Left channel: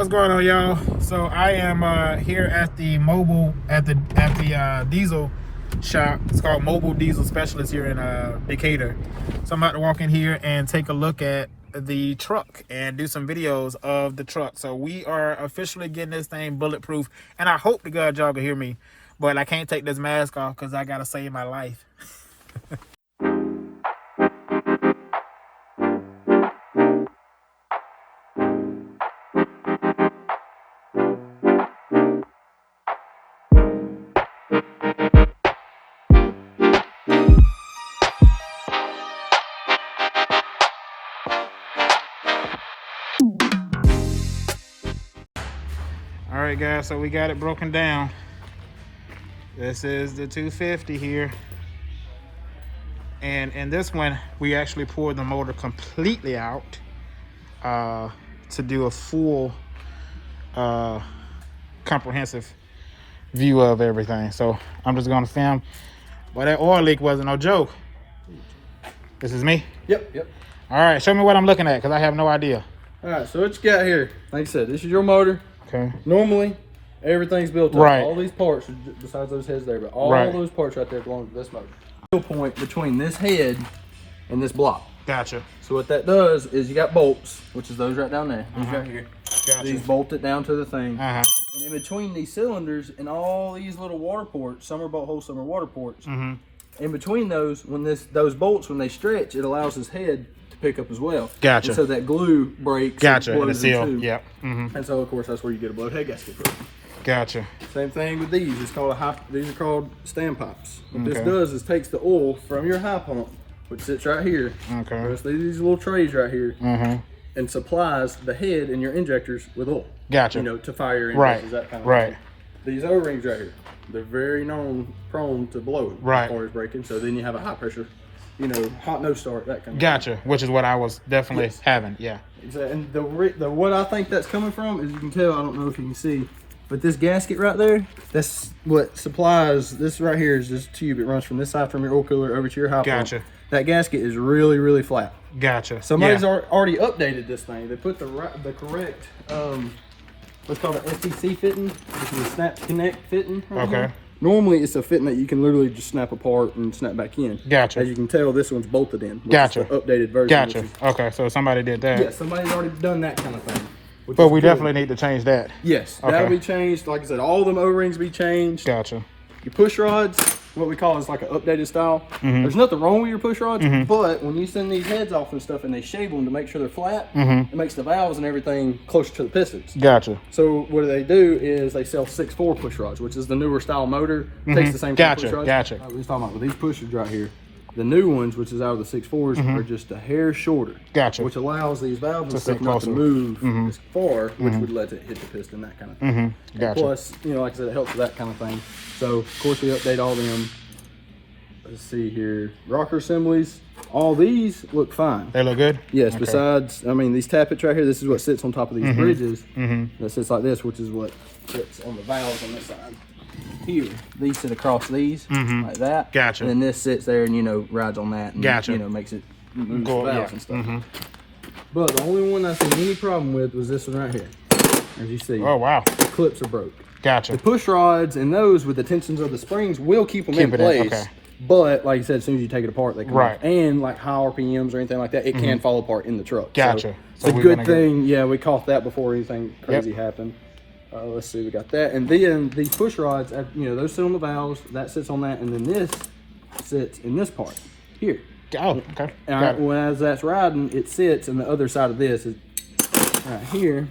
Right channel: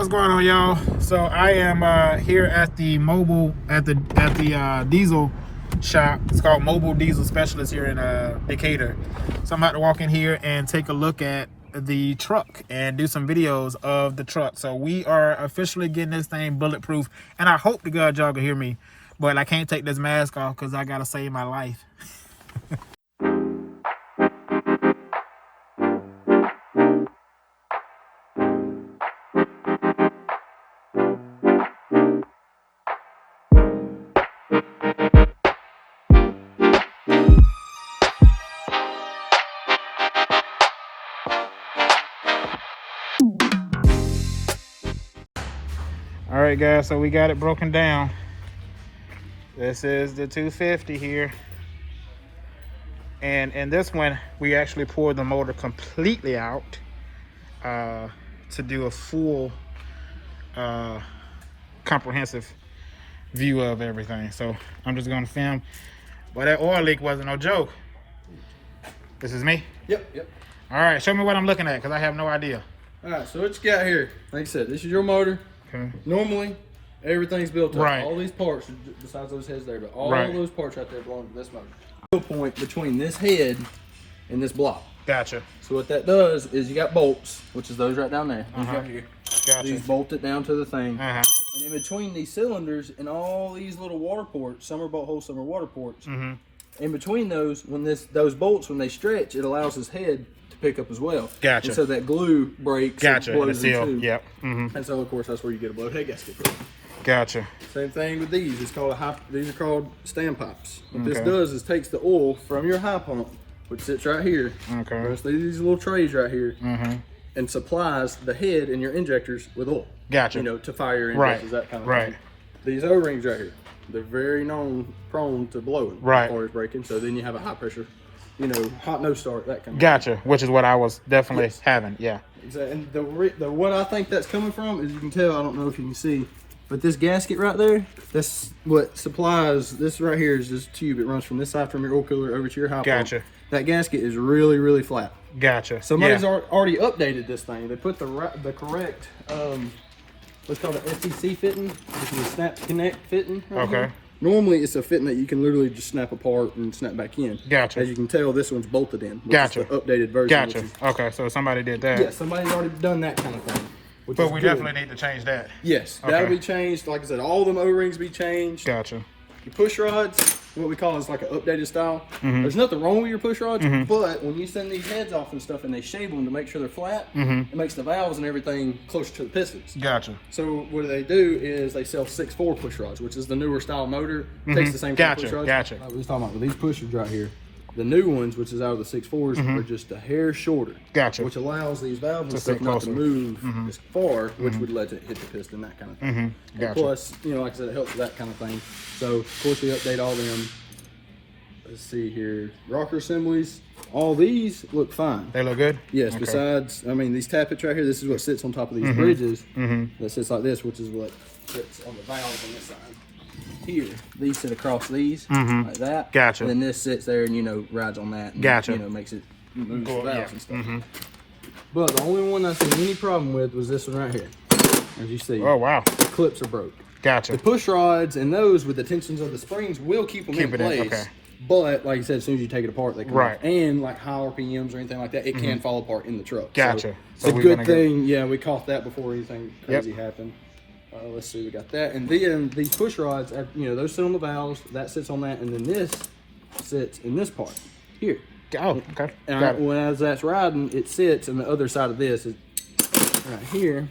What's going on, y'all? So I am here at the diesel shop. It's called Mobile Diesel Specialist here in Decatur. So I'm about to walk in here and take a look at the truck and do some videos of the truck. So we are officially getting this thing bulletproof, and I hope to God y'all can hear me, but I can't take this mask off because I gotta save my life. All right, guys, so we got it broken down. This is the 250 here. And in this one, we actually poured the motor completely out to do a full comprehensive view of everything. So I'm just gonna film. But that oil leak wasn't no joke. This is me? Yep. All right, show me what I'm looking at, because I have no idea. All right, so what you got here, like I said, this is your motor. Okay. Normally, everything's built up. Right. All these parts, besides those heads there, but all those parts right there belong to this motor. The point between this head and this block. Gotcha. So what that does is you got bolts, which is those right down there. These right here. Gotcha. These bolt it down to the thing. Uh-huh. And in between these cylinders and all these little water ports, some are bolt holes, some are water ports. In between those, when those bolts, when they stretch, it allows this head to pick up as well. Gotcha. And so that glue breaks. Gotcha. And blows seal. into. Yep. And so, of course, that's where you get a blow head gasket from. Gotcha. Same thing with these. It's called these are called stand pipes. What this does is takes the oil from your high pump, which sits right here. Okay. These little trays right here, and supplies the head and your injectors with oil. Gotcha. You know, to fire your injectors, that kind of thing. These O-rings right here, they're very prone to blowing as far as breaking. So then you have a high pressure, you know, hot no start, that kind of Gotcha. thing. Which is what I was definitely having. Yeah. And the what I think that's coming from is, you can tell, I don't know if you can see, but this gasket right there, that's what supplies, this right here is this tube. It runs from this side from your oil cooler over to your high pump. Gotcha. That gasket is really, really flat. Gotcha. Somebody's already updated this thing. They put the correct, what's called an FTC fitting, which is a snap connect fitting. Okay. Normally it's a fitting that you can literally just snap apart and snap back in. Gotcha. As you can tell, this one's bolted in. Gotcha. Is the updated version. Gotcha. Okay, so somebody did that. Yeah, somebody's already done that kind of thing. But we definitely need to change that. Yes, that'll be changed. Like I said, all them O-rings be changed. Gotcha. Your push rods, what we call is like an updated style. There's nothing wrong with your push rods, but when you send these heads off and stuff and they shave them to make sure they're flat, it makes the valves and everything closer to the pistons. Gotcha. So what they do is they sell 6.4 push rods, which is the newer style motor. Takes the same kind of push rods. Gotcha. We're talking about with these pushers right here. The new ones, which is out of the 6.4s, are just a hair shorter. Gotcha. Which allows these valves and stuff not to move as far, which would let it hit the piston, that kind of thing. Gotcha. Plus, you know, like I said, it helps with that kind of thing. So, of course, we update all them. Let's see here. Rocker assemblies. All these look fine. They look good? Yes, besides, I mean, these tappets right here, this is what sits on top of these bridges. That sits like this, which is what sits on the valves on this side. Here, these sit across these, like that. Gotcha. And then this sits there and, you know, rides on that. And, Gotcha. you know, makes it move the valves and stuff. But the only one I seen any problem with was this one right here. As you see. Oh, wow. The clips are broke. Gotcha. The push rods and those with the tensions of the springs will keep them in place. Okay. But like you said, as soon as you take it apart, they come Right. off. And like high RPMs or anything like that, it can fall apart in the truck. Gotcha. So it's a good thing. Yeah, we caught that before anything crazy happened. Let's see, we got that. And then these push rods, you know, those sit on the valves. That sits on that. And then this sits in this part here. Oh, okay. And as that's riding, it sits, and the other side of this is right here.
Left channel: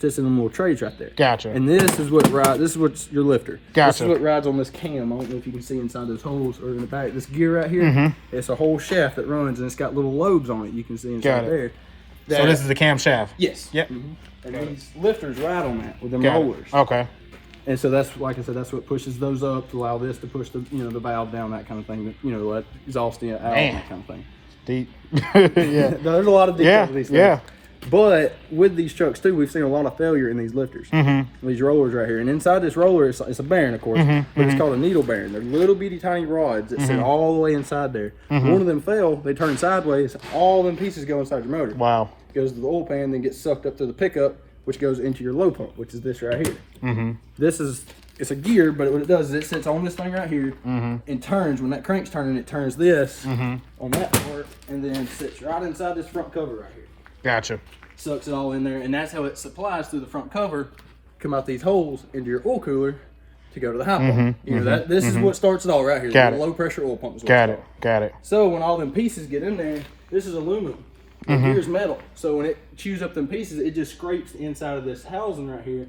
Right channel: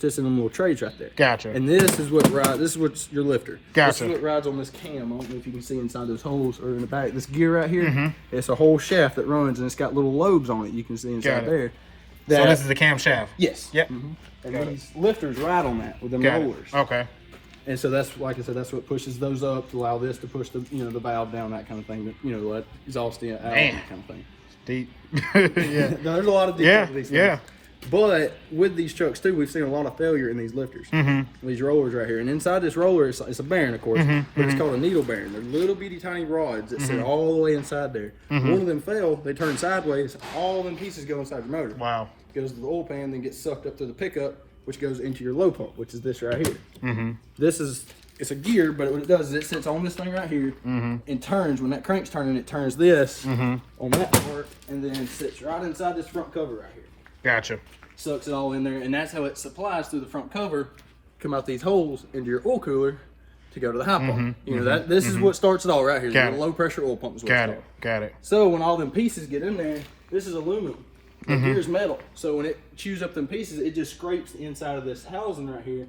Sits in them little trays right there. Gotcha. And this is what rides. This is what's your lifter. Gotcha. This is what rides on this cam. I don't know if you can see inside those holes or in the back. This gear right here. It's a whole shaft that runs, and it's got little lobes on it. You can see inside there. So this is the cam shaft. Yes. Yep. And these lifters ride on that with them rollers. Okay. And so that's, like I said, that's what pushes those up to allow this to push the, you know, the valve down, that kind of thing. That, you know, let exhaust out, that kind of thing. Deep. Yeah. There's a lot of details with these things. Yeah. But with these trucks too, we've seen a lot of failure in these lifters, these rollers right here. And inside this roller, it's a bearing, of course, but it's called a needle bearing. They're little bitty tiny rods that sit all the way inside there. One of them fell, they turn sideways, all them pieces go inside your motor. Wow. Goes to the oil pan, then gets sucked up to the pickup, which goes into your low pump, which is this right here. This is, it's a gear, but what it does is it sits on this thing right here and turns. When that crank's turning, it turns this on that part, and then sits right inside this front cover right here. Gotcha. Sucks it all in there, and that's how it supplies through the front cover, come out these holes into your oil cooler to go to the high pump. You know, this is what starts it all right here. The low pressure oil pump is what Got it. Got it. So when all them pieces get in there, this is aluminum. The gear's metal. So when it chews up them pieces, it just scrapes the inside of this housing right here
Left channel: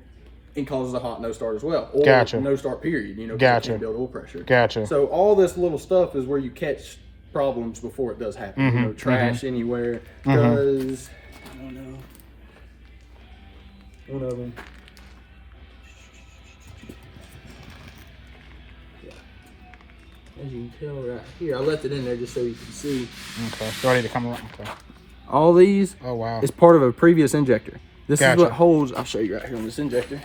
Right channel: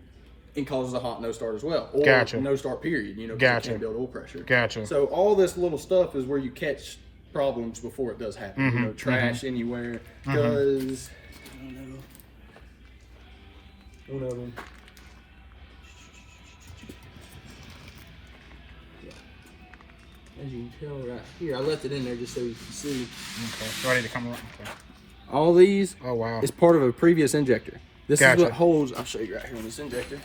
and causes a hot no start as well. Or no start period, you know, because you can't build oil pressure. Gotcha. So all this little stuff is where you catch problems before it does happen. You know, trash anywhere. Because, I don't know, one of them. As you can tell right here, I left it in there just so you can see. Okay, so I need to come around. Okay. All these is part of a previous injector. This is what holds, I'll show you right here on this injector.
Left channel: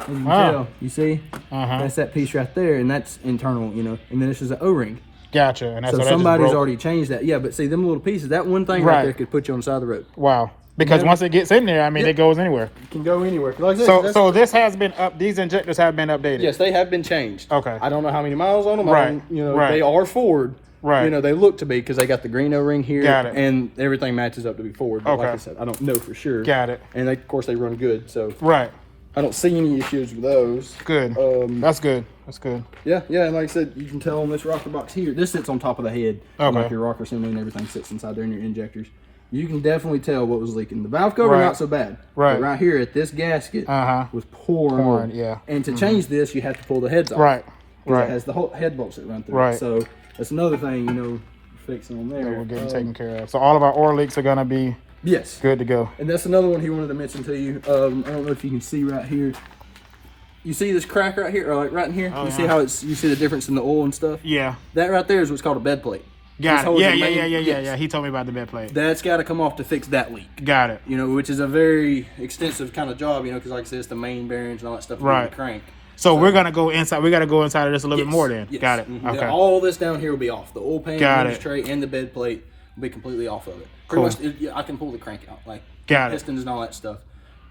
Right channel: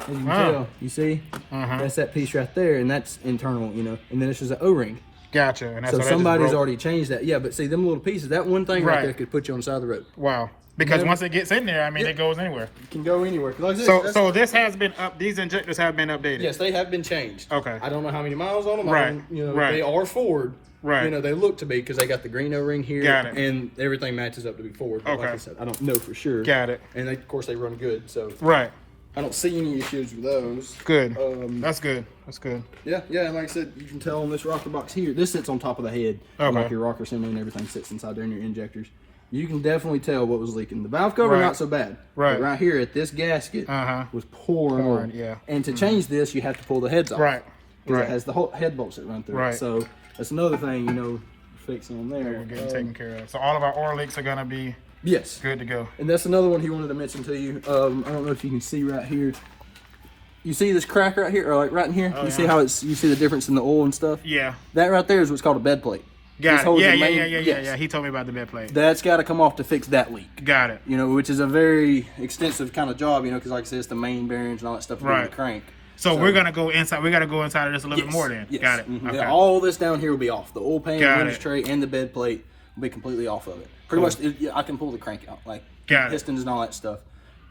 As you can tell, you see? That's that piece right there, and that's internal, you know. And then this is an O-ring. Gotcha. And that's so somebody's already changed that. Yeah, but see, them little pieces, that one thing right there could put you on the side of the road. Wow. Because once it gets in there, I mean, it goes anywhere. It can go anywhere. Like this, so this has been up. These injectors have been updated. Yes, they have been changed. Okay. I don't know how many miles on them. Right. You know, they are Ford. Right. You know, they look to be because they got the green O-ring here. Got it. And everything matches up to be Ford. But like I said, I don't know for sure. Got it. And they, of course, they run good. So right. I don't see any issues with those. Good. That's good. That's good. Yeah, yeah. And like I said, you can tell on this rocker box here, this sits on top of the head. Okay. Like your rocker assembly and everything sits inside there in your injectors. You can definitely tell what was leaking. The valve cover, not so bad. Right. But right here at this gasket was pouring oil. Yeah. And to change this, you have to pull the heads off. Right. Because it has the whole head bolts that run through. Right. So that's another thing, you know, fixing on there. We're getting taken care of. So all of our oil leaks are going to be good to go. And that's another one he wanted to mention to you. I don't know if you can see right here. You see this crack right here, or like right in here? You see how it's, you see the difference in the oil and stuff? Yeah. That right there is what's called a bed plate. Got it. Yeah. He told me about the bed plate. That's got to come off to fix that leak. Got it. You know, which is a very extensive kind of job, you know, because like I said, it's the main bearings and all that stuff in the crank. So we're going to go inside. We got to go inside of this a little bit more then. Yes. Got it. Okay. All this down here will be off. The oil pan, the winch tray, and the bed plate will be completely off of it. Pretty much, I can pull the crank out, like pistons and all that stuff.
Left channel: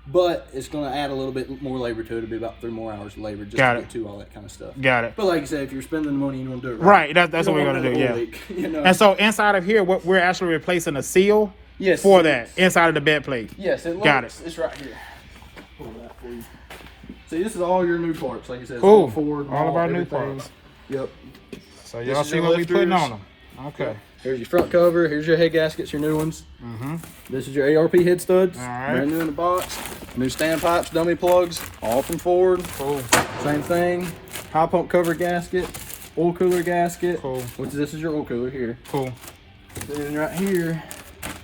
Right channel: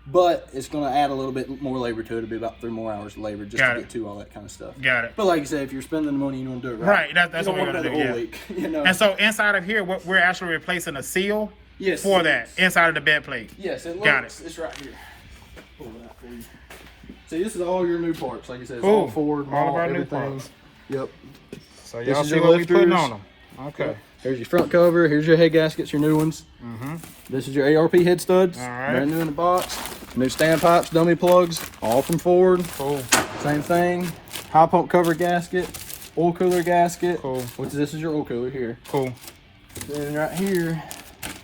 But it's going to add a little bit more labor to it. It'll be about 3 more hours of labor just to get to all that kind of stuff. Got it. But like you said, if you're spending the money, you want to do it right. Right, that's what we're going to do, leak, you know? And so inside of here, what we're actually replacing a seal for that, inside of the bed plate. Yes, it looks, it's right here. Pull it out for you. See, this is all your new parts. Like you said, it's all Ford. All of our new parts. Yep. So y'all see what we're putting on them. Okay. There's your front cover. Here's your head gaskets, your new ones. This is your ARP head studs. All right. Brand new in the box. New standpipes, dummy plugs, all from Ford. Cool. Same thing. High pump cover gasket, oil cooler gasket. Cool. This is your oil cooler here. Cool. Then right here,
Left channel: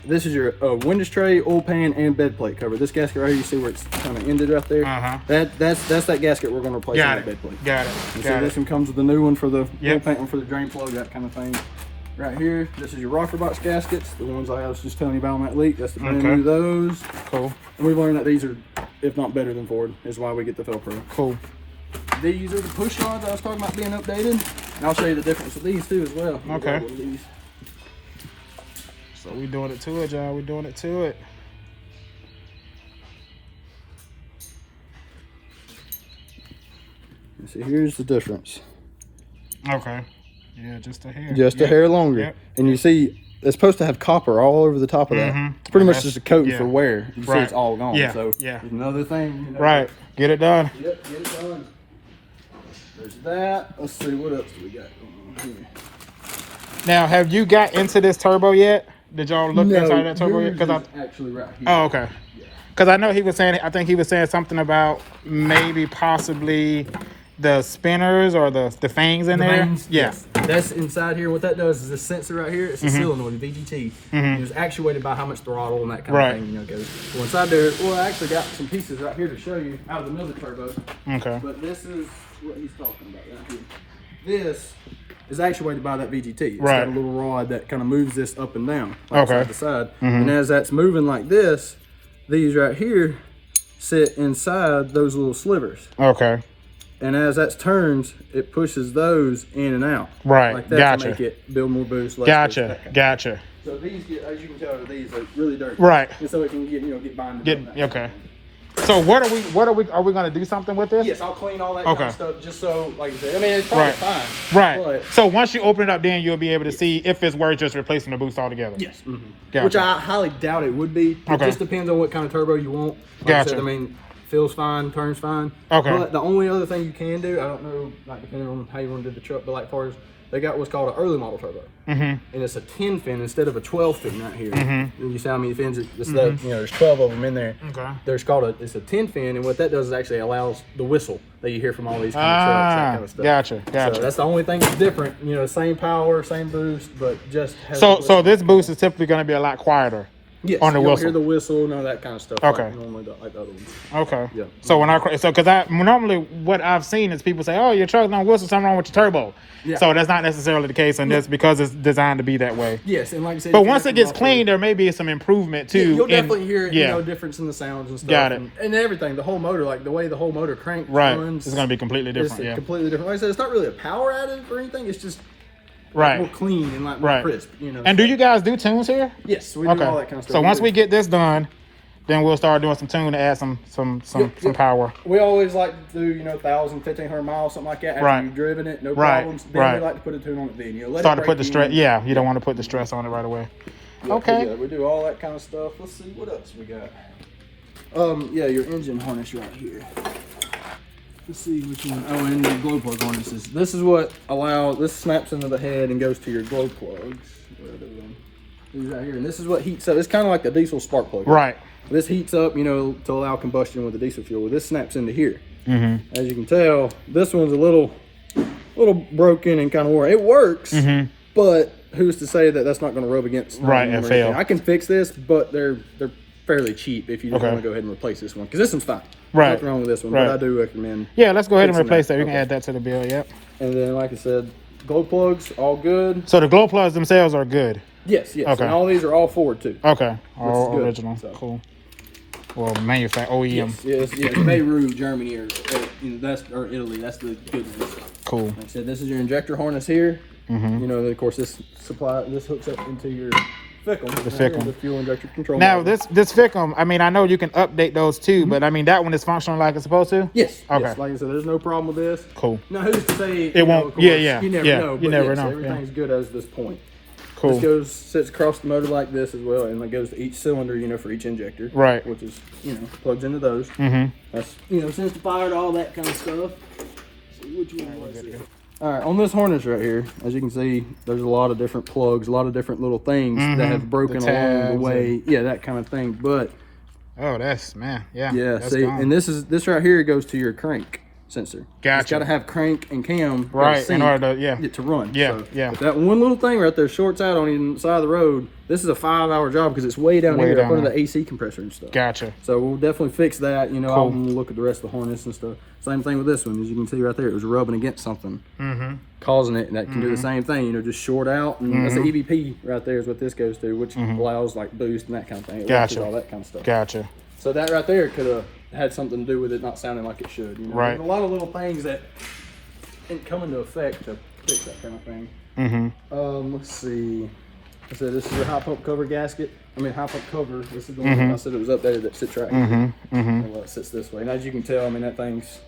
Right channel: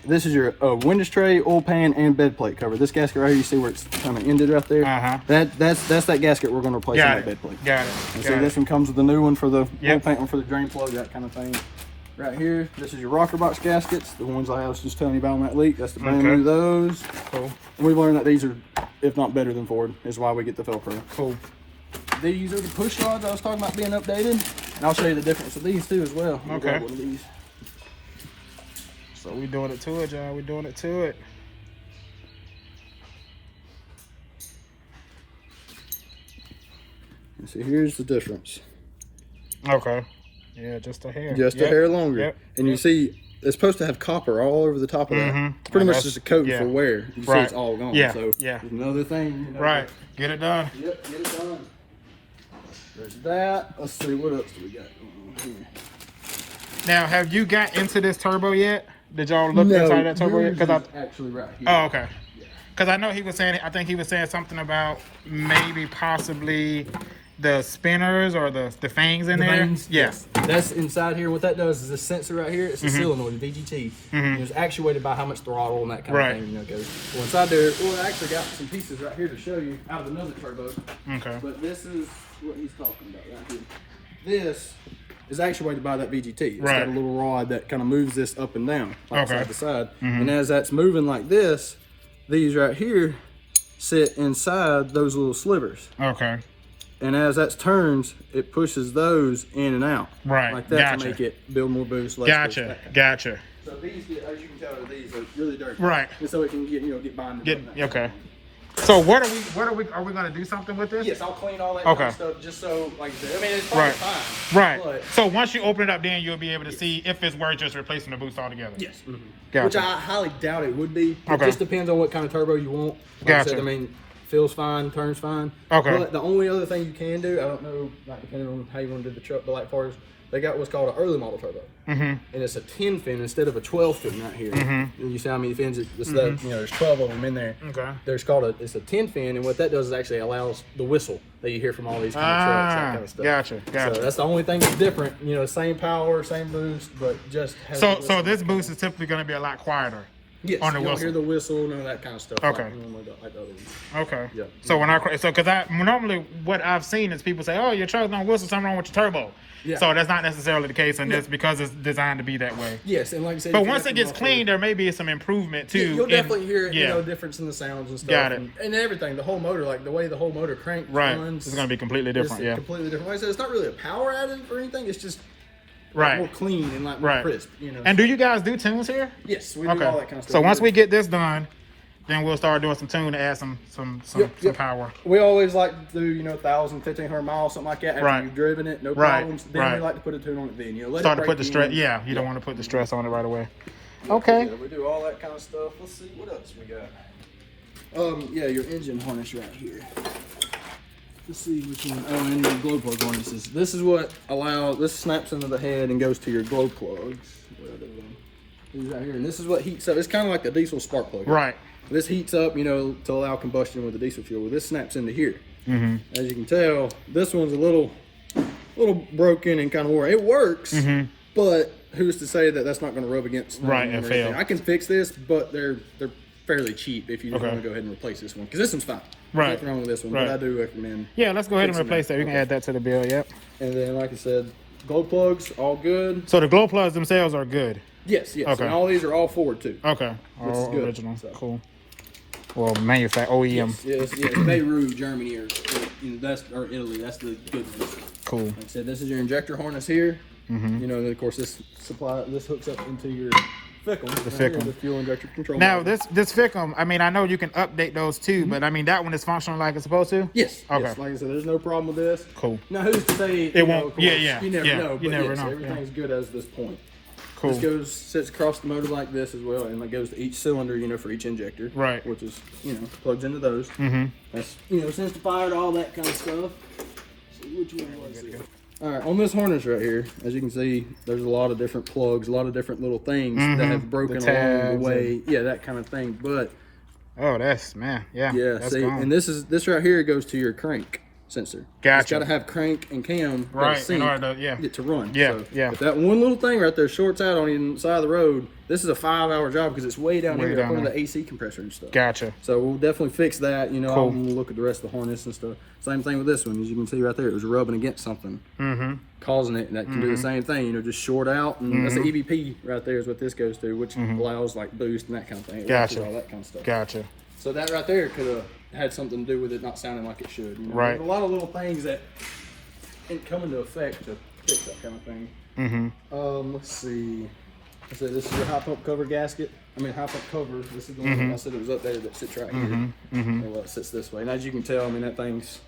this is your windows tray, oil pan, and bed plate cover. This gasket right here, you see where it's kind of ended up there? That's that gasket we're going to replace in the bed plate. Got it. And so this one comes with the new one for the oil pan, one for the drain plug, that kind of thing. Right here, this is your rocker box gaskets, the ones I was just telling you about on that leak. That's the brand new those. Cool. And we've learned that these are, if not better than Ford, is why we get the Velcro. Cool. These are the push rods I was talking about being updated. And I'll show you the difference with these too as well. Okay. So we're doing it to it, John. We're doing it to it. See, here's the difference. Okay. Yeah, just a hair. Just a hair longer. And you see, it's supposed to have copper all over the top of that. It's pretty much just a coating for wear. You see it's all gone. So there's another thing. You know, Get it done. Yep, get it done. There's that. Let's see, what else do we got going on here? Now, have you got into this turbo yet? Did y'all look inside that turbo yet? Because actually right here. Oh, okay. Because I know he was saying, I think he was saying something about maybe possibly the spinners or the fangs in there. Vanes, yes. That's inside here. What that does is this sensor right here, it's a solenoid, VGT. It's actuated by how much throttle and that kind of thing, you know, goes. Well, inside there, I actually got some pieces right here to show you out of another turbo. Okay. But this is what he's talking about right here. This is actuated by that VGT. It's got a little rod that kind of moves this up and down, like side to side. And as that's moving like this, these right here sit inside those little slivers. Okay. And as that turns, it pushes those in and out. Right. Like that to make it build more boost. Gotcha. So these get, as you can tell, these are really dirty. Right. And so it can get, get bonded. Okay. So are we going to do something with this? Yes, I'll clean all that kind of stuff just so, like I said, I mean, it's probably fine. Right. But, so once you open it up, then you'll be able to see if it's worth just replacing the boost altogether. Yes. Gotcha. Which I highly doubt it would be. It just depends on what kind of turbo you want. Like I said, I mean, feels fine, turns fine. Okay. But the only other thing you can do, I don't know, like depending on how you want to do the truck, but like far as they got what's called an early model turbo, and it's a 10 fin instead of a 12 fin right here. And you see how many fins? You know, there's 12 of them in there. Okay. There's it's a 10 fin, and what that does is actually allows the whistle that you hear from all these kind of trucks, that kind of stuff. Gotcha. So that's the only thing that's different. You know, same power, same boost, but just has so this boost is typically going to be a lot quieter. Yes, on the you don't whistle. hear the whistle, none of that kind of stuff. Okay. Like normally like the other ones. Okay. Yeah. So because normally what I've seen is people say, "Oh, your truck don't whistle, something wrong with your turbo." Yeah. So that's not necessarily the case on this because it's designed to be that way. Yes, and like I said, but once it gets clean, there may be some improvement too. Yeah, you'll definitely hear you know, difference in the sounds and stuff. Got it. And everything, the whole motor, like the way the whole motor cranks, runs, it's going to be completely different. Yeah. Completely different. Like I said, it's not really a power additive or anything. It's just more clean and like more crisp. You know. And do you guys do tunes here? Yes, we do all that kind of stuff. So once we get this done, then we'll start doing some tune to add some power. We always like to do, you know, 1,000, 1,500 miles, something like that. After you've driven it, no problems. Then we like to put a tune on it then. You know, start to put the stress. Yeah, you don't want to put the stress on it right away. Yeah, okay. We do all that kind of stuff. Let's see what else we got. Yeah, your engine harness right here. Let's see which one. Oh, and your glow plug harnesses. This is what this snaps into the head and goes to your glow plugs. These right here, and this is what heats up. It's kind of like the diesel spark plug. Right. This heats up, you know, to allow combustion with the diesel fuel. This snaps into here. As you can tell, this one's a little broken and kind of worn. It works, but who's to say that that's not going to rub against and fail? I can fix this, but they're fairly cheap if you just want to go ahead and replace this one, because this one's fine. Nothing wrong with this one, but I do recommend. Yeah, let's go ahead and replace that. We can add that to the bill. Yep. And then, like I said, glow plugs all good. So the glow plugs themselves are good. Yes. Okay. And all these are all Ford too. Okay. All original. So. Cool. Well, manufacturer OEM. Yes. Beirut, Germany, or Italy. That's the good news. Cool. Like I said, this is your injector harness here. You know, of course, this hooks up into your Fickum. The Fickum. The fuel injector control. Now, this Fickum, I mean, I know you can update those too, but I mean, that one is functioning like it's supposed to? Yes. Okay. Yes. Like I said, there's no problem with this. Cool. Now, who's to say it won't? Course, you never know. You never know. Everything's good as this point. Cool. This sits across the motor like this as well, and it goes to each cylinder, you know, for each injector. Right. Which is, you know, plugs into those. That's, you know, sense to fire, all that kind of stuff. Let's see which one was it. All right, on this harness right here, as you can see, there's a lot of different plugs, a lot of different little things that have broken along the way. Yeah, that kind of thing. But that's yeah. That's see, gone. and this right here goes to your crank sensor. Gotcha. It's got to have crank and cam in order to run. Yeah, so if that one little thing right there shorts out on the side of the road, this is a 5-hour job because it's way down here in front of the AC compressor and stuff. Gotcha. So we'll definitely fix that. You know, I'll look at the rest of the harness and stuff. Same thing with this one. As you can see right there, it was rubbing against something, causing it, and that can do the same thing. You know, just short out, and that's the EVP right there is what this goes to, which allows like boost and that kind of thing. It watches all that kind of stuff. Gotcha. So that right there could have had something to do with it not sounding like it should. You know? Right. There's a lot of little things that can come into effect to fix that kind of thing. Let's see. I said this is your high pump cover gasket. High pump cover. This is the one I said it was up there that sits right here. Well, it sits this way. And as you can tell, I mean, that thing's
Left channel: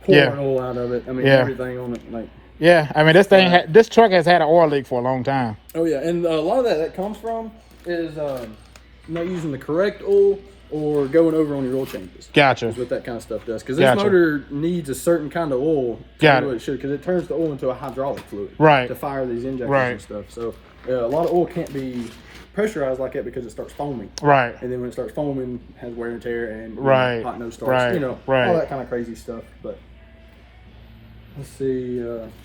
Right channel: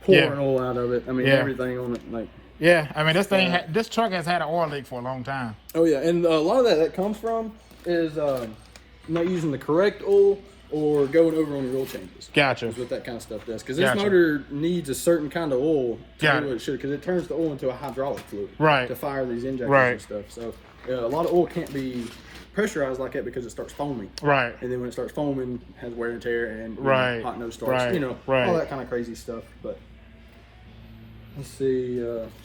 pouring oil out of it. I mean, everything on it, like. Yeah, I mean, this truck has had an oil leak for a long time. Oh yeah, and a lot of that comes from is not using the correct oil or going over on your oil changes. Gotcha. Is what that kind of stuff does. Because this motor needs a certain kind of oil to do what it should, because it turns the oil into a hydraulic fluid to fire these injectors and stuff. So a lot of oil can't be pressurized like that because it starts foaming. Right. And then when it starts foaming, it has wear and tear and hot nose starts. You know, all that kind of crazy stuff. But let's see.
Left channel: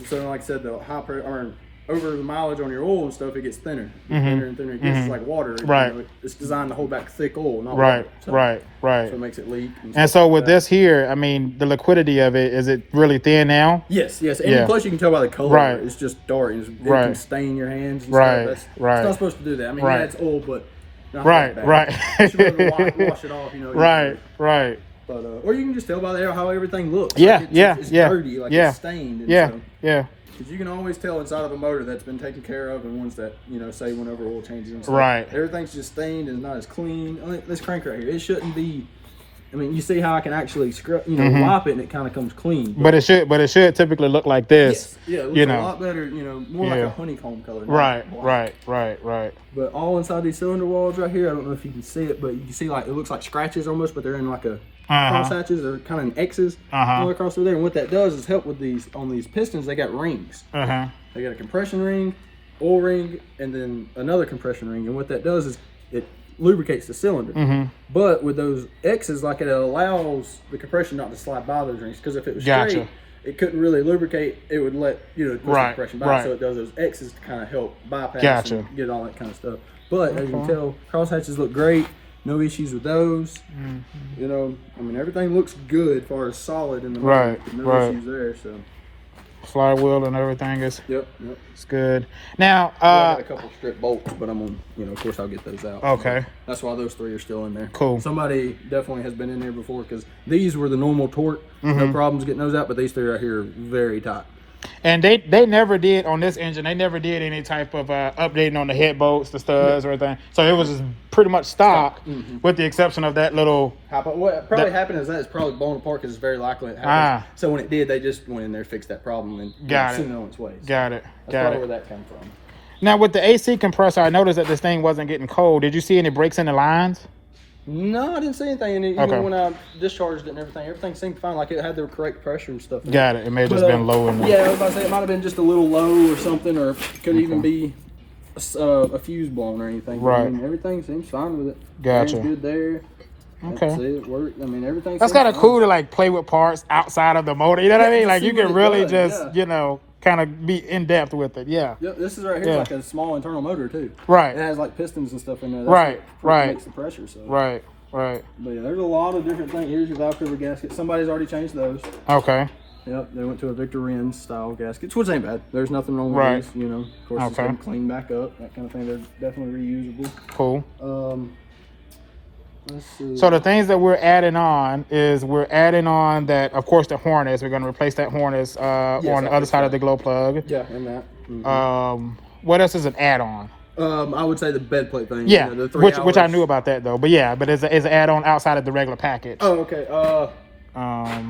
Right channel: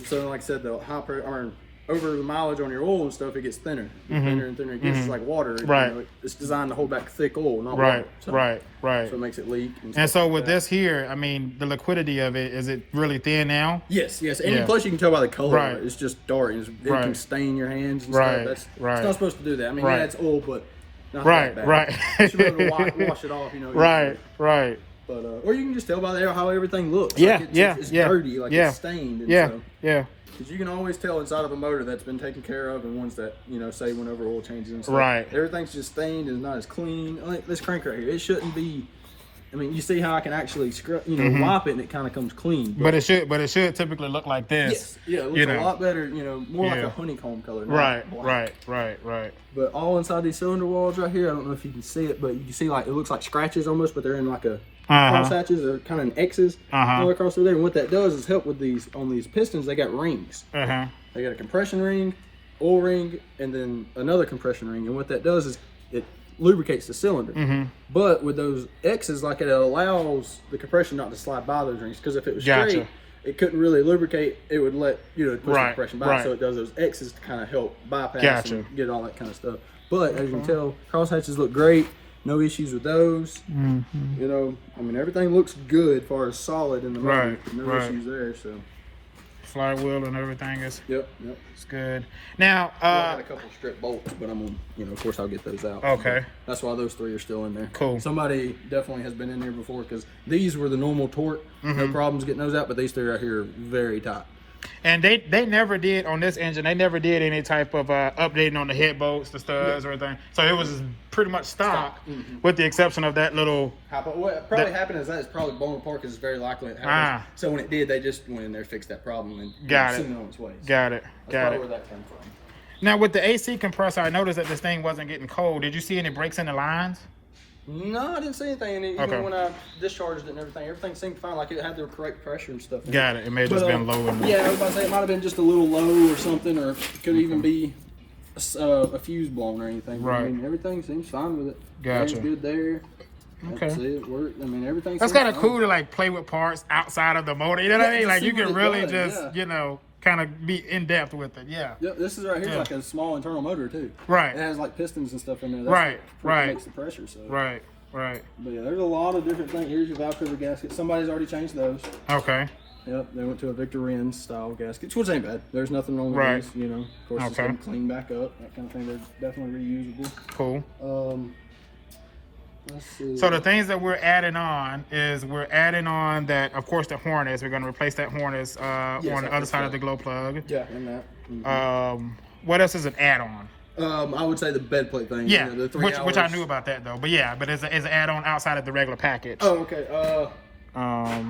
So like I said, the high pressure, over the mileage on your oil and stuff, it gets thinner, thinner and thinner. It gets like water. You know, it's designed to hold back thick oil, not water. So, so it makes it leak. And so with this here, I mean, the liquidity of it, is it really thin now? Yes. And plus you can tell by the color. It's just dark. It can stain your hands and stuff. It's not supposed to do that. I mean, yeah, it's oil, but not that bad. You should be able to wash it off, you know. Right. But or you can just tell by there how everything looks. It's dirty, like it's stained. And because you can always tell inside of a motor that's been taken care of and ones that, you know, say went over oil changes and stuff. Everything's just stained and not as clean. This crank right here, it shouldn't be I mean, you see how I can actually wipe it and it kind of comes clean. But it should typically look like this. Yes. Yeah, it looks a lot better, more like a honeycomb color. Right. But all inside these cylinder walls right here, I don't know if you can see it, but you can see like it looks like scratches almost, but they're in like a cross hatches or kind of in X's all across through there. And what that does is help with these pistons. They got rings. They got a compression ring, oil ring, and then another compression ring. And what that does is it lubricates the cylinder. But with those X's, like it allows the compression not to slide by those rings, because if it was straight, it couldn't really lubricate. It would let push the compression back. So it does those X's to kind of help bypass and get all that kind of stuff. But as you can tell, cross hatches look great. No issues with those. I mean, everything looks good as far as solid in the motor. No issues there. So flywheel and everything is it's good. Now I got a couple strip bolts, but I'm on, of course I'll get those out. Okay. That's why those 3 are still in there. Cool. Somebody definitely has been in there before, because these were the normal torque. No problems getting those out, but these 3 right here are very tight. And they never did on this engine. They never did any type of updating on the head bolts, the studs, or anything. So it was just pretty much stock, with the exception of that little. What probably happened is that it's probably blown apart, because it's very likely it happens. So when it did, they just went in there, fixed that problem, and sent it on its way. Got it. That's probably where that comes from. Now with the AC compressor, I noticed that this thing wasn't getting cold. Did you see any breaks in the lines? No, I didn't see anything in it. Even when I discharged it and everything seemed fine. Like it had the correct pressure and stuff. Got it. It may have just been low in there. Yeah, I was about to say it might have been just a little low or something, or could even be a fuse blown or anything. Right. I mean, everything seems fine with it. Gotcha. Good there. Okay. That's it. Worked. I mean, everything. That's kind of cool to like play with parts outside of the motor. You know what I mean? Like you can really just kind of be in depth with it. Yeah. Yep, this is right here like a small internal motor too. Right. It has like pistons and stuff in there. That's what makes the pressure. So. Right. But yeah, there's a lot of different things. Here's your valve cover gasket. Somebody's already changed those. Okay. Yep, they went to a Victor Wren's style gaskets, which ain't bad. There's nothing wrong with these, Of course, it's been cleaned back up, that kind of thing. They're definitely reusable. Cool. Let's see. So the things that we're adding on is that, of course, the harness. We're going to replace that harness on the other side of the glow plug. Yeah, and that. What else is an add-on? I would say the bed plate thing. Yeah, which I knew about that though. But yeah, but it's an add-on outside of the regular package. Oh, okay.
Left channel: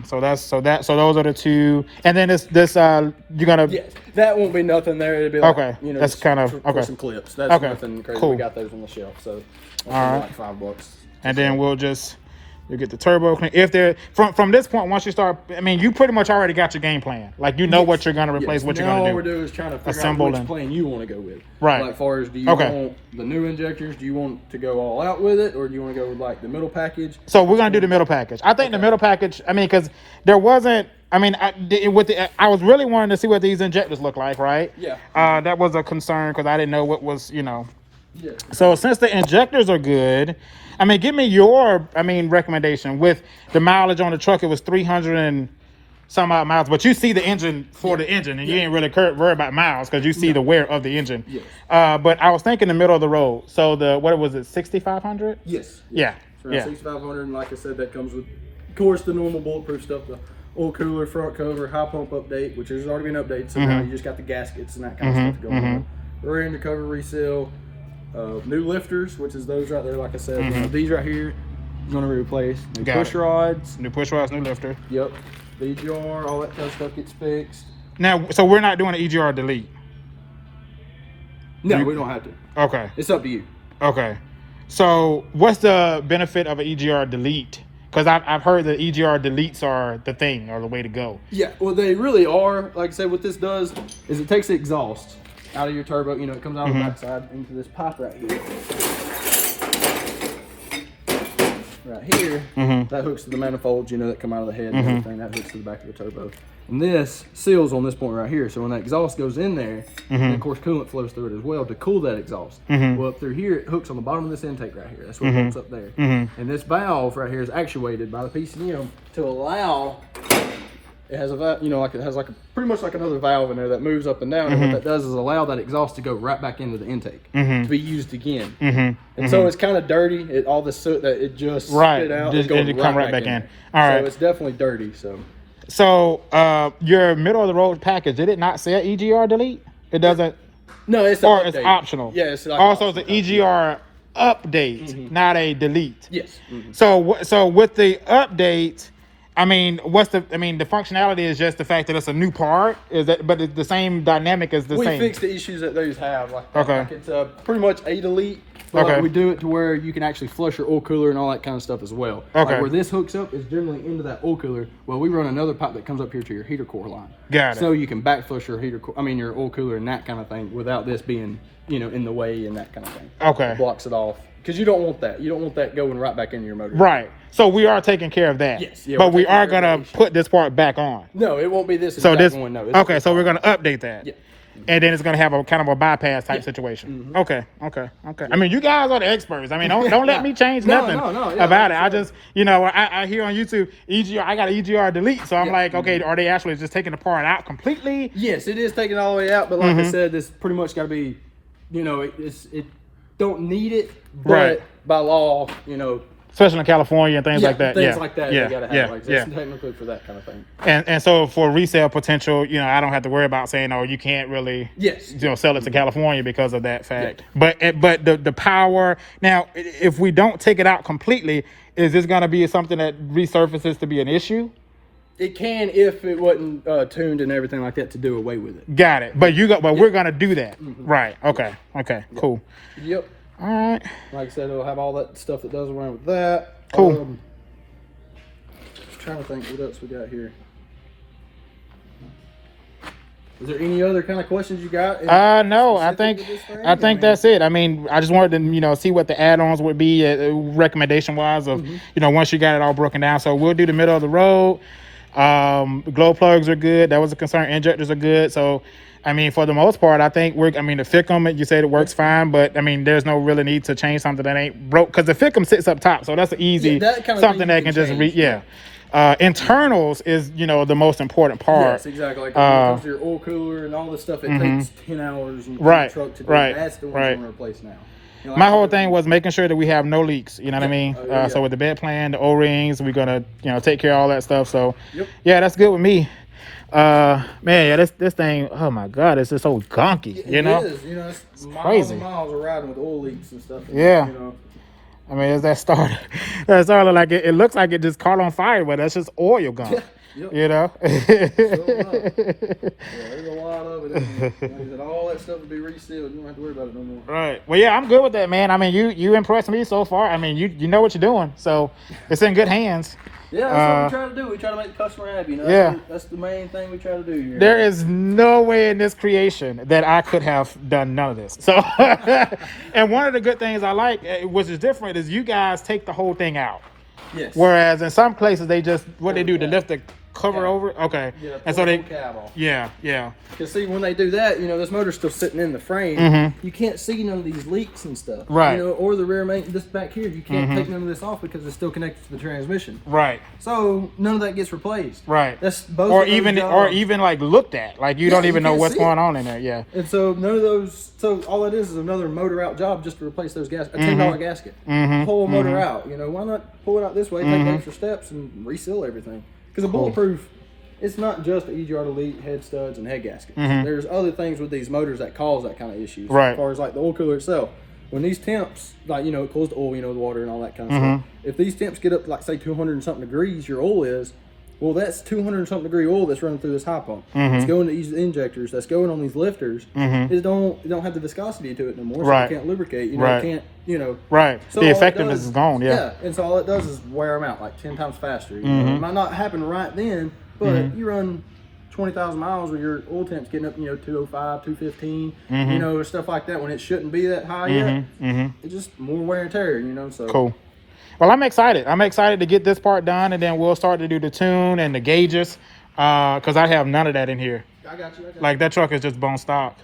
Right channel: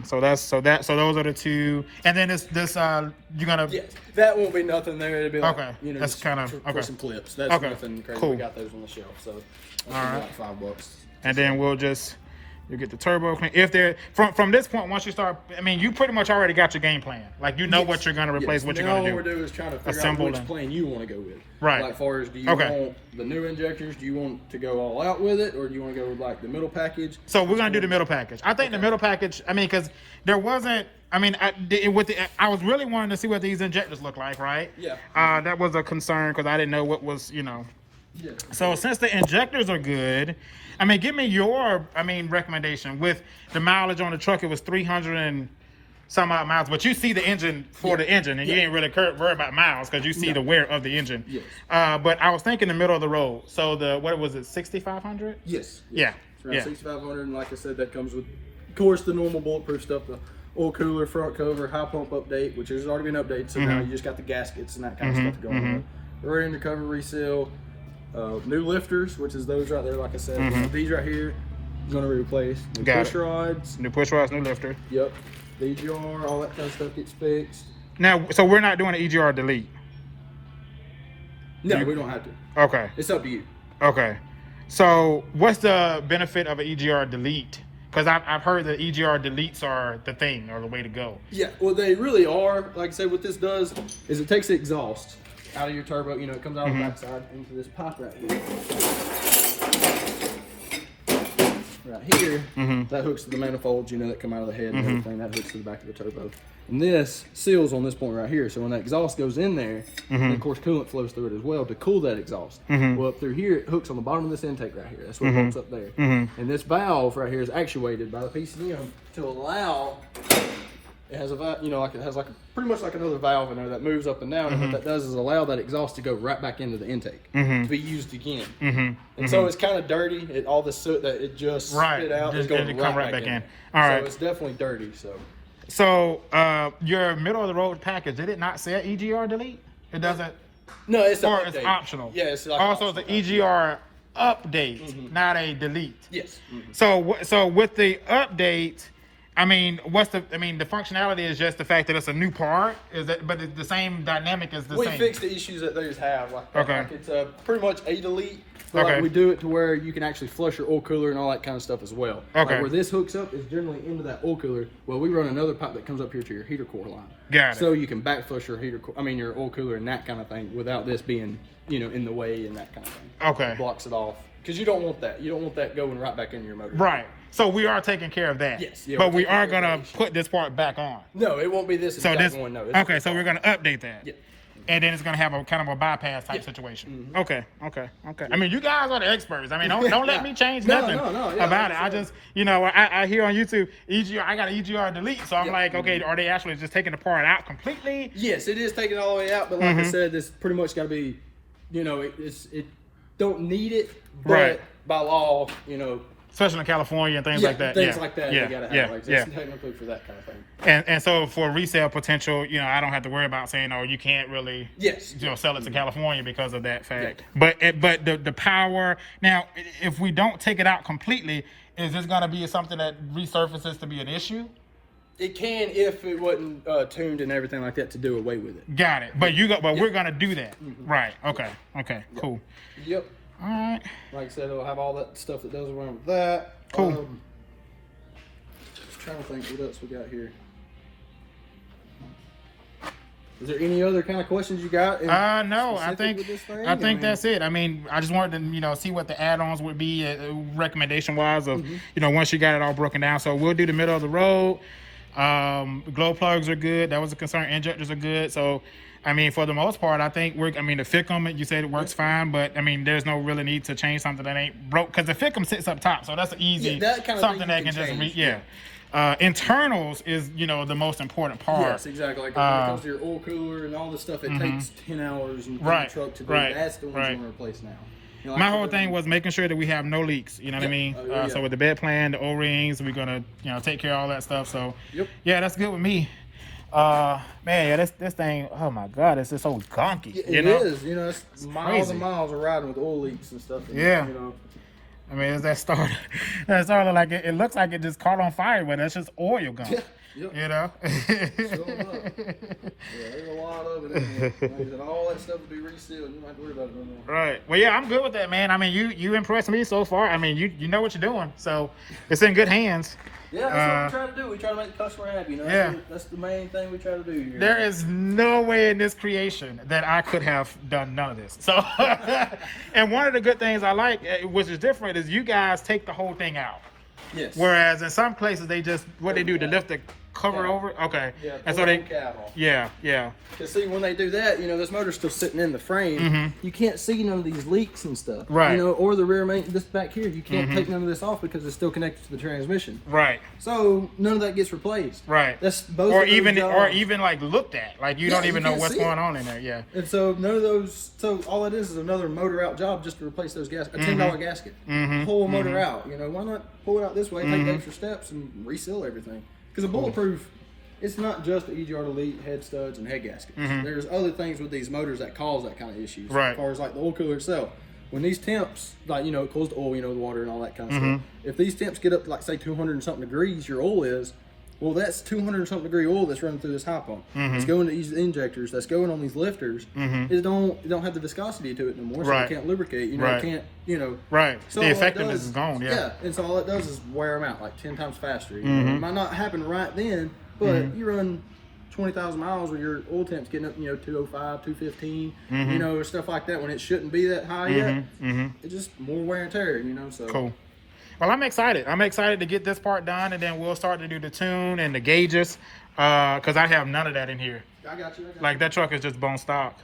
So those are the 2, and then this you're gonna. Yeah, that won't be nothing there. It'll be like, that's kind of for some clips. That's nothing crazy. Cool. We got those on the shelf, so that's like $5. And then we'll get the turbo clean. If they're from this point, once you start, I mean, you pretty much already got your game plan. Like what you're gonna replace, what you're gonna do. All we're doing is trying to figure out which plane you want to go with. Right. Like, far as do you want the new injectors? Do you want to go all out with it, or do you want to go with like the middle package? So we're gonna do the middle package. I think the middle package. I mean, because there wasn't. I mean, I was really wanting to see what these injectors look like, right? Yeah. That was a concern because I didn't know what was, Yeah. So since the injectors are good, I mean, give me your, recommendation. With the mileage on the truck, it was 300 and some odd miles, but you see the engine for the engine, and you ain't really worry about miles because you see the wear of the engine. Yes. But I was thinking the middle of the road. So what was it, 6,500? Yes. Yeah. Around 6,500, and like I said, that comes with, of course, the normal bulletproof stuff, the oil cooler, front cover, high pump update, which has already been updated, so now you just got the gaskets and that kind of stuff going on. Rear end cover reseal. New lifters, which is those right there, like I said. These right here, you're going to replace. New push rods. New push rods, new lifter. Yep. EGR, all that kind of stuff gets fixed. Now, so we're not doing an EGR delete? No, we don't have to. Okay. It's up to you. Okay. So what's the benefit of an EGR delete? Because I've heard that EGR deletes are the thing, or the way to go. Yeah, well, they really are. Like I said, what this does is it takes the exhaust out of your turbo, it comes out of the backside into this pipe right here. Right here, that hooks to the manifolds, that come out of the head and everything. That hooks to the back of the turbo. And this seals on this point right here. So when that exhaust goes in there, and of course coolant flows through it as well to cool that exhaust. Well, up through here, it hooks on the bottom of this intake right here. That's what it hooks up there. And this valve right here is actuated by the PCM to allow. It has a it has pretty much like another valve in there that moves up and down, and what that does is allow that exhaust to go right back into the intake to be used again. And so it's kind of dirty. All the soot that it just spit out is going right back in. All right. So it's definitely dirty. So your middle of the road package, did it not say EGR delete? It doesn't. No, it's or it's optional. Yeah, it's like also it's an EGR update, not a delete. Yes. So with the update, I mean, the functionality is just the fact that it's a new part. Is that, but the same dynamic is the same. We fix the issues that those have. Like Okay. Like it's pretty much a delete. But Okay. we do it to where you can actually flush your oil cooler and all that kind of stuff as well. Okay. Like where this hooks up is generally into that oil cooler. Well, we run another pipe that comes up here to your heater core line. Got it. So you can back flush your your oil cooler and that kind of thing without this being, in the way and that kind of thing. Okay. It blocks it off. Because you don't want that. You don't want that going right back into your motor. Right. So we are taking care of that. Yes. Yeah, but we taking are care of gonna that. put this part back on. No, it won't be this So exact this. one. No. Okay. So we're gonna update that. Yeah. And then it's gonna have a kind of a bypass type situation. Okay. I mean, you guys are the experts. I mean, don't let me change nothing about it. I just, I hear on YouTube EGR. I got an EGR delete, so I'm like, okay, are they actually just taking the part out completely? Yes, it is taking it all the way out. But like I said, this pretty much got to be, it don't need it, but Right. by law, Especially in California and things like that. Things like that, Yeah. they gotta have. Yeah. Like, Yeah. technically for that kind of thing. And so for resale potential, I don't have to worry about saying, oh, you can't really, Yes. sell it to California because of that fact. But the power now, if we don't take it out completely, is this going to be something that resurfaces to be an issue? It can if it wasn't tuned and everything like that to do away with it. Got it. But we're going to do that. Right. Okay. Cool. Yep. All right. Like I said, it'll have all that stuff that does away with that. Cool. Just trying to think what else we got here. Is there any other kind of questions you got? No, I think that's it. I mean, I just wanted to, see what the add-ons would be recommendation wise of, once you got it all broken down. So we'll do the middle of the road. Glow plugs are good. That was a concern. Injectors are good. So, I mean, for the most part, I think the FICM, you said it works fine, but I mean, there's no really need to change something that ain't broke because the FICM sits up top. So that's an easy, that kind of something thing that you can can just change. internals is, the most important part. Yes, exactly. Like when it comes to your oil cooler and all this stuff, it takes 10 hours in the truck to do. That's the one you want to replace now. My whole thing was making sure that we have no leaks. You know what I mean? So with the bed plan, the O-rings, we're gonna take care of all that stuff. So yeah, that's good with me. This thing. Oh my God, it's just so gunky. It is. It's miles and miles of riding with oil leaks and stuff. And, I mean, it's that starter. That starter, like it looks like it just caught on fire, but that's just oil gunk. There's a lot of it. All that stuff will be resealed. You don't have to worry about it no more. Right. Well, yeah, I'm good with that, man. I mean, you impressed me so far. I mean, you know what you're doing, so it's in good hands. Yeah, that's what we try to do. We try to make the customer happy. That's the main thing we try to do here. There is no way in this creation that I could have done none of this. So, and one of the good things I like, which is different, is you guys take the whole thing out. Yes. Whereas in some places they just they lift the cover over. Okay. Yeah. And so they. Cab on. Yeah. Because see, when they do that, this motor's still sitting in the frame. You can't see none of these leaks and stuff. Right. Or the rear main, this back here, you can't take none of this off because it's still connected to the transmission. Right. So none of that gets replaced. Right. That's both. Or even like looked at, like you don't even know what's going on in there. Yeah. And so none of those. So all that is another motor out job just to replace those gaskets. A $10 gasket. Whole motor out. Why not pull it out this way, take the extra steps, and reseal everything? Because a bulletproof. It's not just the EGR Delete, head studs, and head gaskets. There's other things with these motors that cause that kind of issues. Right. As far as like the oil cooler itself. When these temps, like, it cools the oil, the water and all that kind of stuff. If these temps get up to like say 200 and something degrees, your oil is, well, that's 200 and something degree oil that's running through this high pump. It's going to these injectors, that's going on these lifters. It don't have the viscosity to it no more, so it can't lubricate. It can't, Right. So the effectiveness is gone. Yeah. And so all it does is wear them out like 10 times faster. It might not happen right then, but you run 20,000 miles with your oil temps getting up, 205, 215, stuff like that when it shouldn't be that high yet. It's just more wear and tear, so. Cool. Well, I'm excited. I'm excited to get this part done, and then we'll start to do the tune and the gauges, because I have none of that in here. I got you. Like, that truck is just bone stock.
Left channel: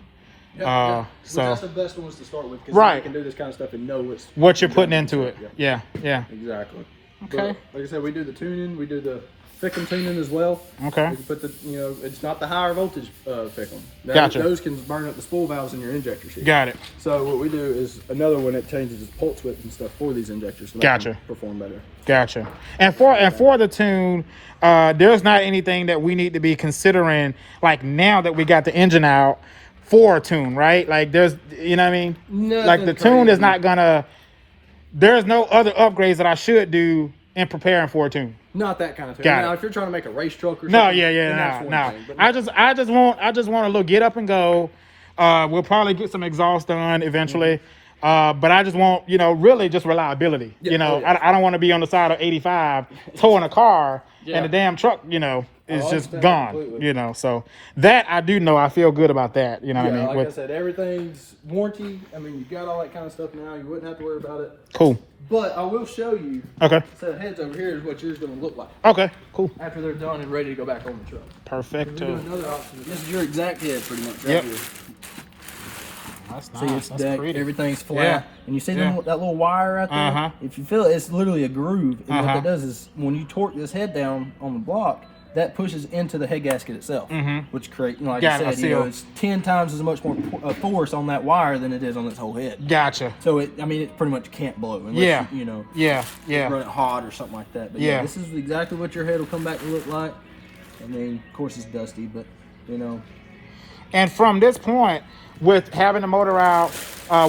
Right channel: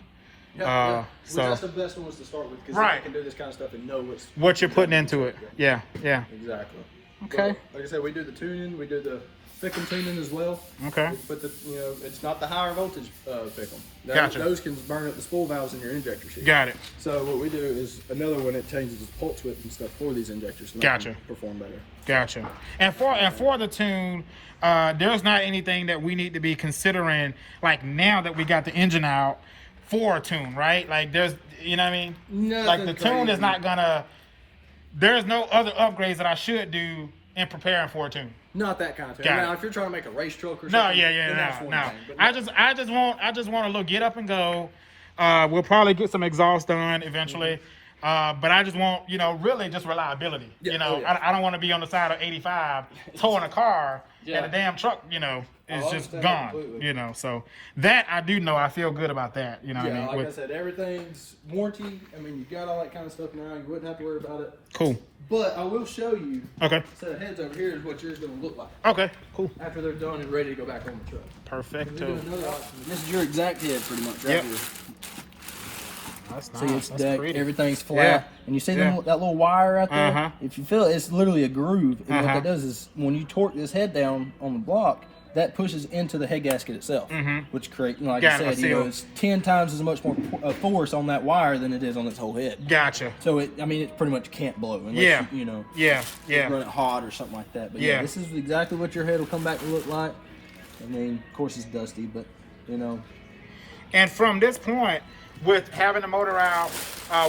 So that's the best ones to start with, because you can do this kind of stuff and know what you're putting into it. Yeah. Exactly. Okay. But, like I said, we do the tuning, we do the Fickum tuning as well. Okay. We can put the, it's not the higher voltage Fickum. Gotcha. Those can burn up the spool valves in your injector sheet. Got it. So what we do is another one that changes its pulse width and stuff for these injectors to make them perform better. Gotcha. And for the tune, there's not anything that we need to be considering, like now that we got the engine out, for a tune, right? Like there's, you know what I mean? Nothing like the crazy. tune is not gonna there's no other upgrades that I should do in preparing for a tune. Not that kind of thing. Got Now, it. if you're trying to make a race truck or something, No, then that's one no. thing, but I just want a little get up and go. We'll probably get some exhaust done eventually. But I just want, really just reliability. Yeah, I don't want to be on the side of 85 towing a car and the damn truck, is just gone. Completely. So that I do know. I feel good about that. You know what I mean? Like I said, everything's warranty. I mean, you've got all that kind of stuff now. You wouldn't have to worry about it. Cool. But I will show you. Okay. A set of heads over here is what yours is going to look like. Okay. Cool. After they're done and ready to go back on the truck. Perfecto. Another option. This is your exact head, pretty much, right here. That's nice. See, it's That's decked, pretty. everything's flat. Yeah. And you see that little wire right there? If you feel it, it's literally a groove. And what that does is when you torque this head down on the block, that pushes into the head gasket itself, which creates, like I said, it's 10 times as much more force on that wire than it is on this whole head. Gotcha. So it pretty much can't blow unless you run it hot or something like that. But yeah, this is exactly what your head will come back to look like. I mean, of course it's dusty, but And from this point, with having the motor out,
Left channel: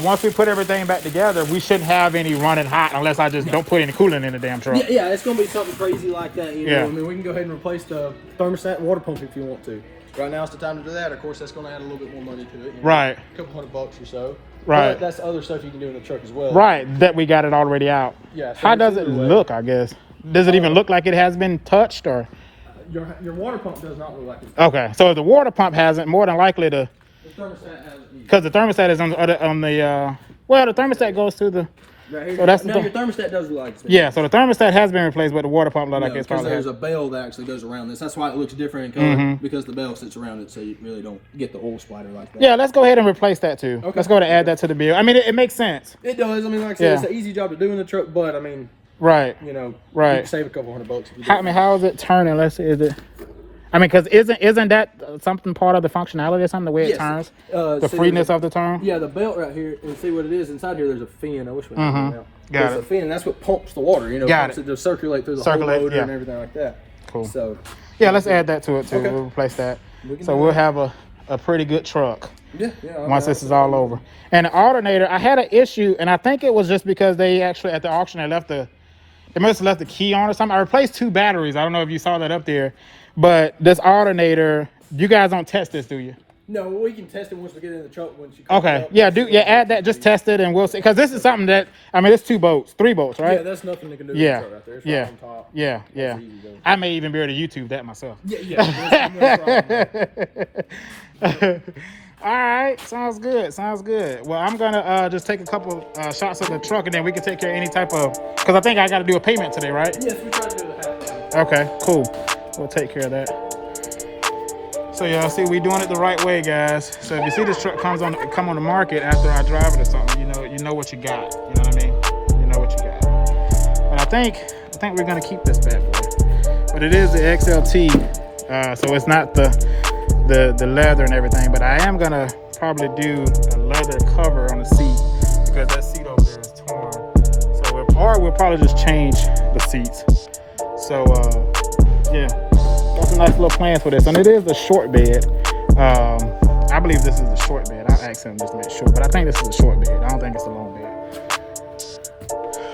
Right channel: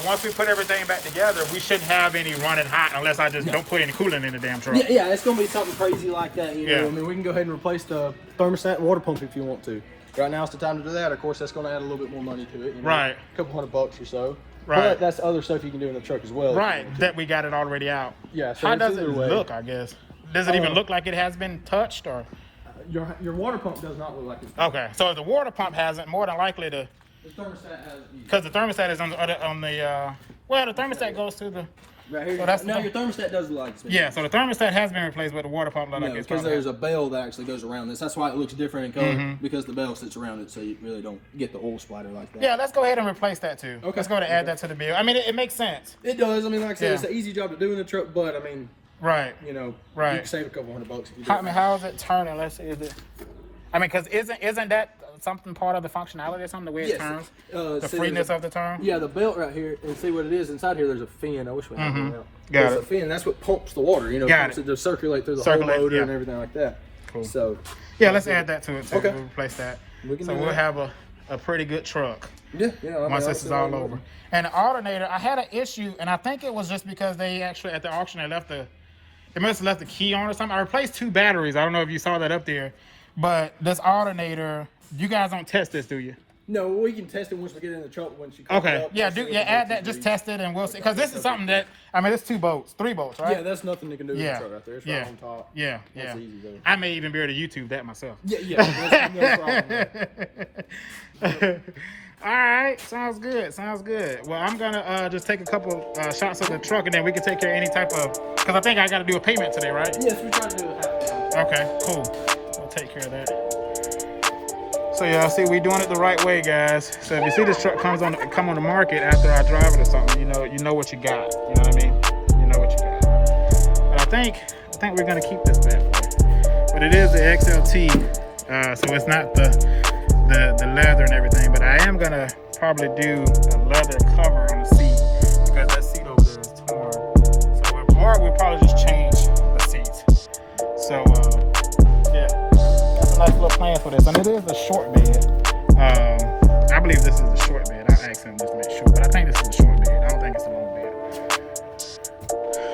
once we put everything back together, we shouldn't have any running hot unless I just don't put any coolant in the damn truck. Yeah, it's going to be something crazy like that. You know, I mean, we can go ahead and replace the thermostat and water pump if you want to. Right now it's the time to do that. Of course, that's going to add a little bit more money to it. Right. A couple $100 or so. Right. But that's other stuff you can do in the truck as well. Right, that we got it already out. Yeah. So how does it look, I guess? Does it even look like it has been touched? Or your water pump does not look like it. Okay, so if the water pump hasn't, more than likely the thermostat has it. Because the thermostat is on the well, the thermostat goes to the right here. So that's your thermostat does look like it's been replaced. So the thermostat has been replaced, but the water pump looks like it's because there's a bell that actually goes around this. That's why it looks different in color, because the bell sits around it, so you really don't get the oil splatter like that. Yeah, let's go ahead and replace that too. Okay. Let's go ahead and add that to the bill. I mean, it makes sense. It does. I mean, like I said, it's an easy job to do in the truck, but I mean, right. You can save a couple $100. I mean, how is it turning? Let's see. Is it? I mean, because isn't that something part of the functionality or something, the way it turns? The freeness of the turn? Yeah, the belt right here, and see what it is. Inside here, there's a fin. I wish we had that out. Got it. There's a fin, and that's what pumps the water, pumps it to circulate through the whole motor and everything like that. Cool. So, yeah, let's add that to it too. Okay. We'll replace that. So we'll have a pretty good truck. Yeah. Once this is all over. And the alternator, I had an issue, and I think it was just because they actually, at the auction, they must have left the key on or something. I replaced 2 batteries. I don't know if you saw that up there. But this alternator, you guys don't test this, do you? No, we can test it once we get in the truck. Once you add that. Just test it, and we'll see. Because this is something that, I mean, it's 3 bolts, right? Yeah, that's nothing they can do in the truck right there. It's right on top. Yeah. Easy, I may even be able to YouTube that myself. Yeah. No problem. All right, sounds good. Well, I'm gonna just take a couple shots of the truck, and then we can take care of any type of. Because I think I got to do a payment today, right? Yes, we try to do it. Okay, cool. We'll take care of that. So y'all see, we doing it the right way, guys. So if you see this truck come on the market after I drive it or something, you know what you got. You know what I mean? You know what you got. But I think we're gonna keep this bad boy. But it is the XLT, so it's not the leather and everything. But I am gonna probably do a leather cover on the seat because that seat over there is torn. So we'll probably just change the seats. So yeah, that's a nice little plan for this, and it is a short bed. I believe this is the short bed. I'll ask him just to make sure, but I think this is a short bed. I don't think it's a long bed.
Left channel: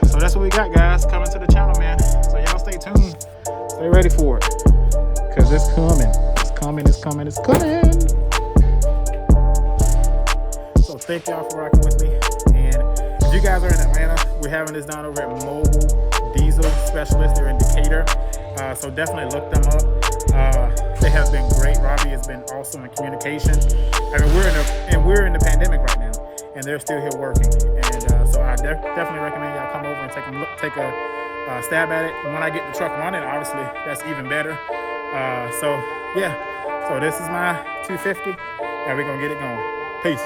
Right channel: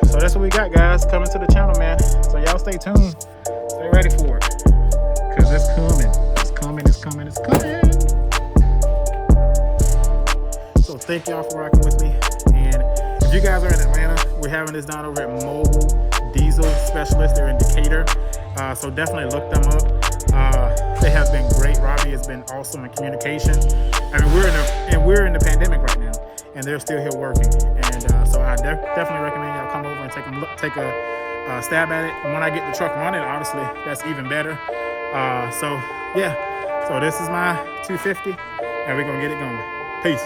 So that's what we got, guys, coming to the channel, man. So y'all stay tuned, stay ready for it, because it's coming. So thank y'all for rocking with me, and if you guys are in Atlanta, we're having this down over at Mobile Diesel Specialist. They're in Decatur. So definitely look them up. They have been great. Robbie has been awesome in communication. I mean, we're in the pandemic right now, and they're still here working. And so I definitely recommend y'all come over and take a stab at it. And when I get the truck running, obviously that's even better. So yeah. So this is my 250, and we're gonna get it going. Peace.